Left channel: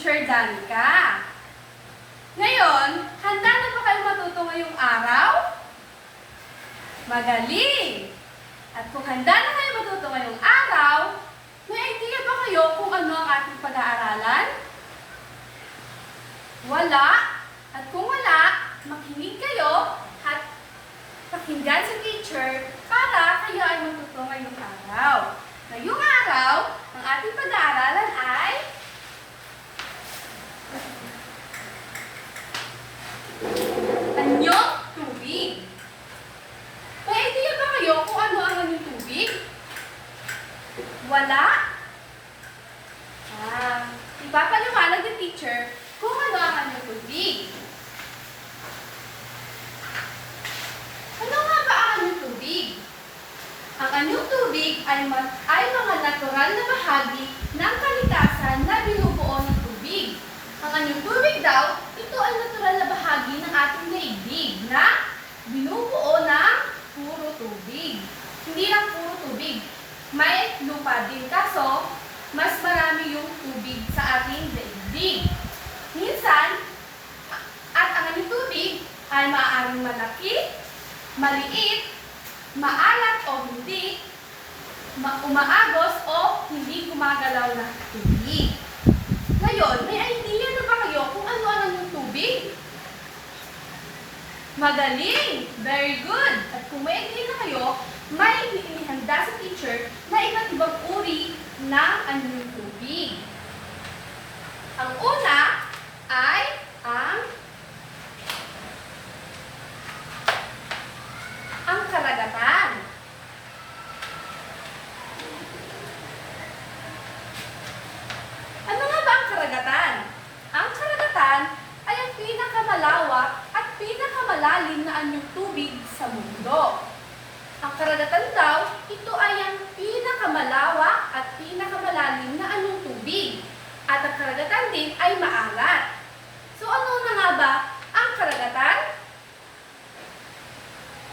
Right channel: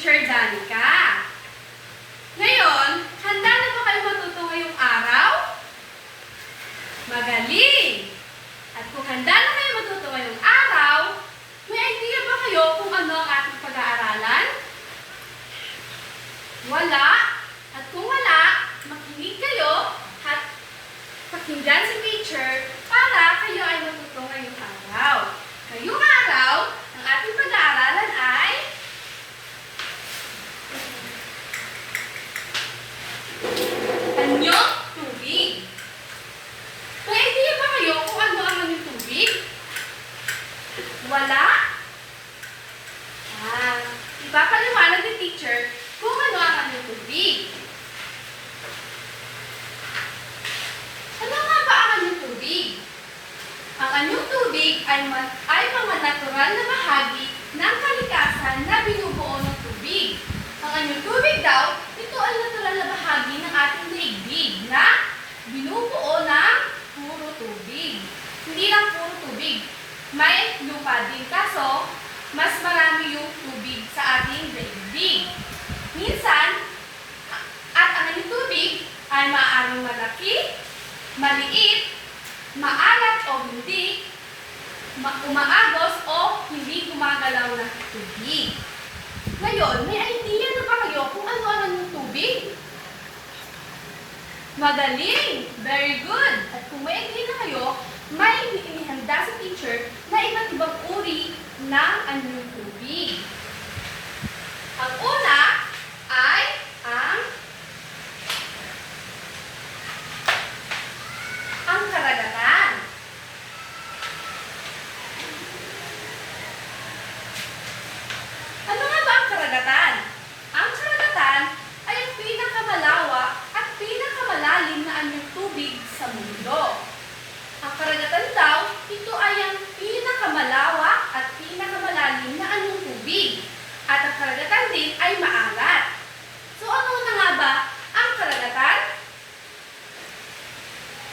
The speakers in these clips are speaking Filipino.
Teacher Danica. Ngayon, handa na ba kayo matuto ngayong araw? Magaling! At kung handa na kayo matuto ngayong araw, may idea ba kayo kung ano ang ating pag-aaralan? Wala? At kung wala, makinig kayo at pakinggan si teacher para kayo ay matuto ngayong araw. Ngayong araw, ang ating pag-aaralan ay anyong tubig. May idea ba kayo kung ano ang anyong tubig? Wala? Ipapaliwanag ni teacher kung ano ang anyong tubig. Ano nga ba ang anyong tubig? Ang anyong tubig ay mga natural na bahagi ng kalikasan na binubuo ng tubig. Ang anyong tubig daw, ito ay natural na bahagi ng ating daigdig na binubuo ng puro tubig. Hindi lang puro tubig. May lupa din kaso mas marami yung tubig sa ating daigdig. Minsan, at ang anyong tubig ay maaaring malaki, maliit, maalat o hindi, umaagos o hindi gumagalaw na tubig. Ngayon, may idea na ba kayo kung ano ang anyong tubig? Magaling! Very good! At kung may idea na kayo, may inihanda sa teacher na iba't ibang uri ng anyong tubig. Ang una ay ang karagatan. Ano nga ba ang karagatan? Ang karagatan ay ang pinakamalawak at pinakamalalim na anyong tubig sa mundo. Ang karagatan daw, ito ay ang pinakamalawak at pinakamalalim na anyong tubig. At ang karagatan din ay maalat. So ano na nga ba ang karagatan?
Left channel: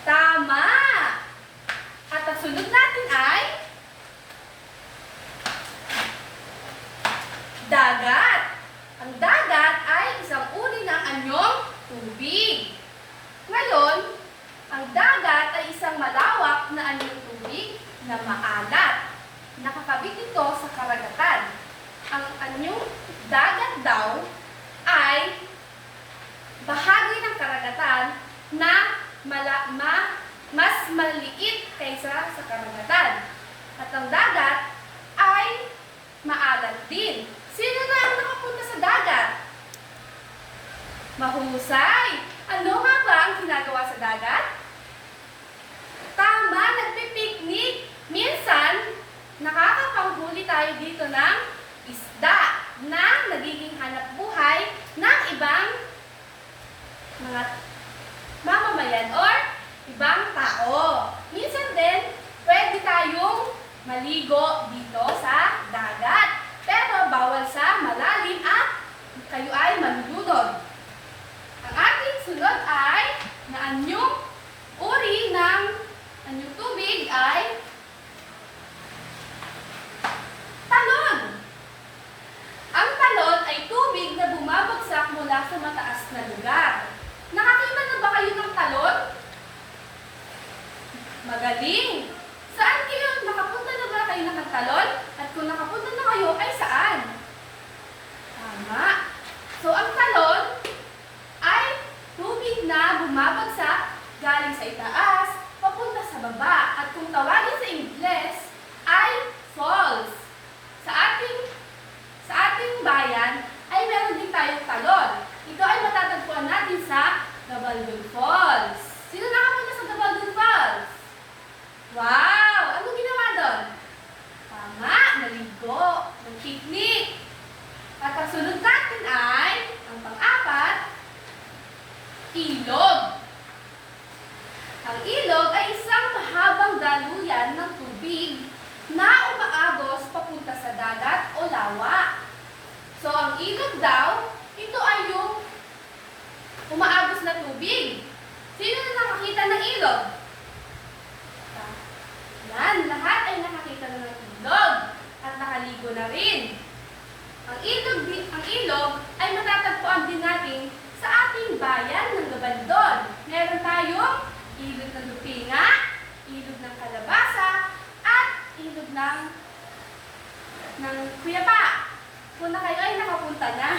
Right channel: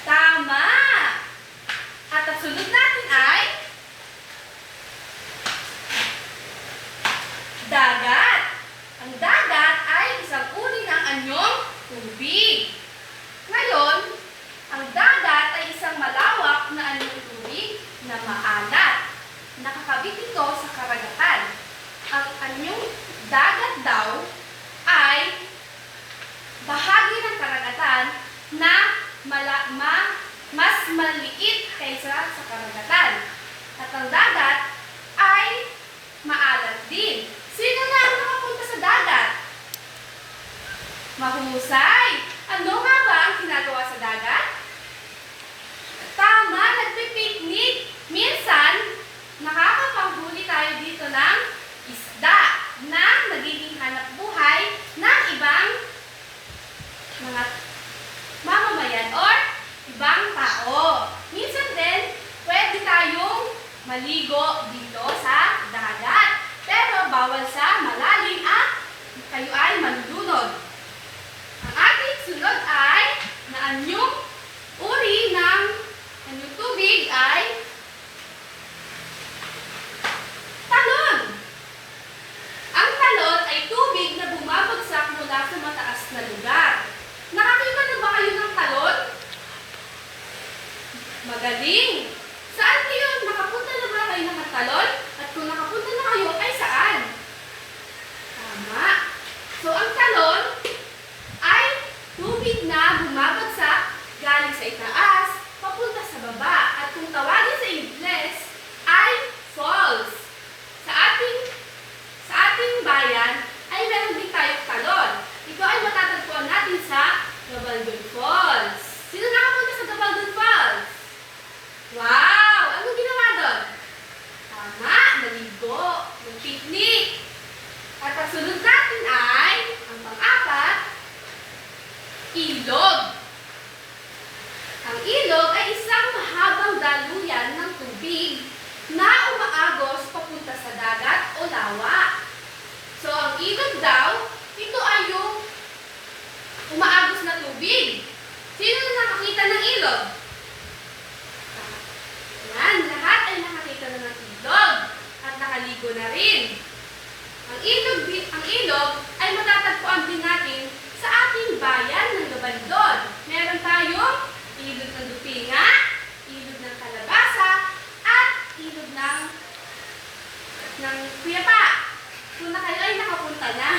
Tama! At ang sunod natin ay dagat. Ang dagat ay isang uri ng anyong tubig. Ngayon, ang dagat ay isang malawak na anyong tubig na maalat. Nakakabit ito sa karagatan. Ang anyong dagat daw ay bahagi ng karagatan na mas maliit kaysa sa karagatan. At ang dagat ay maalat din. Sino na ang nakapunta sa dagat? Mahusay! Ano nga ba ang ginagawa sa dagat? Tama, nagpipiknik. Minsan, nakakapanghuli tayo dito ng isda na nagiging hanap buhay ng ibang mga mamamayan or ibang tao. Minsan din, pwede tayong maligo dito sa dagat. Pero bawal sa malalim at kayo ay malulunod. Ang ating sunod ay na anyong uri ng anyong tubig ay talon. Ang talon ay tubig na bumabagsak mula sa mataas na lugar. Nakakita na ba kayo ng talon? Magaling! Saan kayo? Nakapunta na ba kayo ng talon? At kung nakapunta na kayo, ay saan? Tama! So, ang talon ay tubig na bumabagsak galing sa itaas, papunta sa baba. At kung tawagin sa Ingles, ay falls. Sa ating bayan, ay meron din tayong talon. Ito ay matatagpuan natin sa Gabaldon Falls. Sino nakapunta sa Gabaldon Falls? Wow! Ano ginawa doon? Tama! Naligo! Mag-picnic! At ang sunod natin ay, ang pang-apat, ilog. Ang ilog ay isang mahabang daluyan ng tubig na umaagos papunta sa dagat o lawa. So, ang ilog daw, ito ay yung umaagos na tubig. Sino na nakakita ng ilog? Yan, lahat ay nakakita na ng ilog at nakaligo na rin. Ang Ang ilog ay matatagpuan din natin sa ating bayan ng Gabaldon. Meron tayong ilog ng Lupinga, ilog ng Kalabasa, at ilog ng Kuyapa. Kung na kayo ay nakapunta na.